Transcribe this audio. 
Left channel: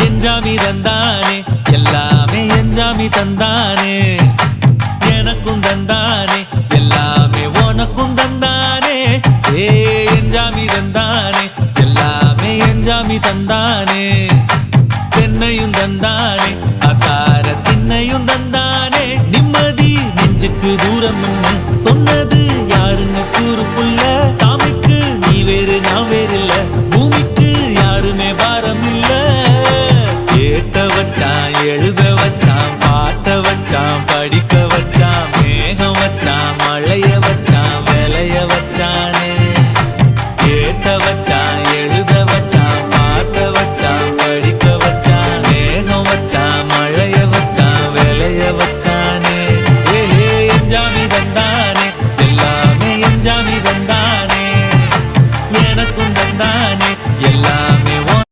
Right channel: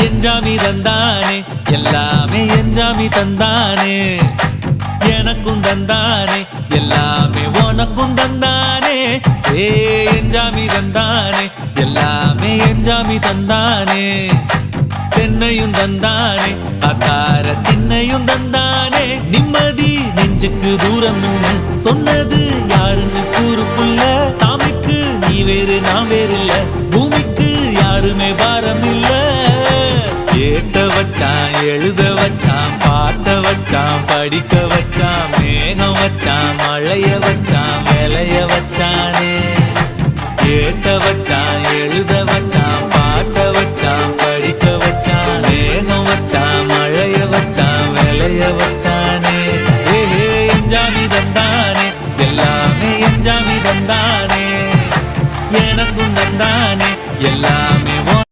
எஞ்சாமி தந்தானே எல்லாமே எஞ்சாமி தந்தானே எனக்கும் தந்தானே எல்லாமே உனக்கும் தந்தானே ஏ எஞ்சாமி தந்தானே எல்லாமே எஞ்சாமி தந்தானே தென்னையும் தந்தானே அத்தார திண்ணையும் தந்தானே நிம்மதி நெஞ்சுக்கு தூரம்னு சொன்னது யாருன்னு கூறு புள்ள சாமிக்கு நீ வேறு நான் வேறு இல்ல பூமிக்கு யாருமே பாரம் இல்ல ஏட்ட வச்சான் எழுத வச்சான் பாட்ட வச்சான் படிக்க வச்சான் மேகம் வச்சான் மழைய வச்சான் விளைய வச்சானே ஏட்ட வச்சான் எழுத வச்சான் பாட்ட வச்சான் படிக்க வச்சான் மேகம் வச்சான் மழைய வச்சான் விளைய வச்சானே ஏஹே எஞ்சாமி தந்தானே எல்லாமே எஞ்சாமி தந்தானே எனக்கும் தந்தானே எல்லாமே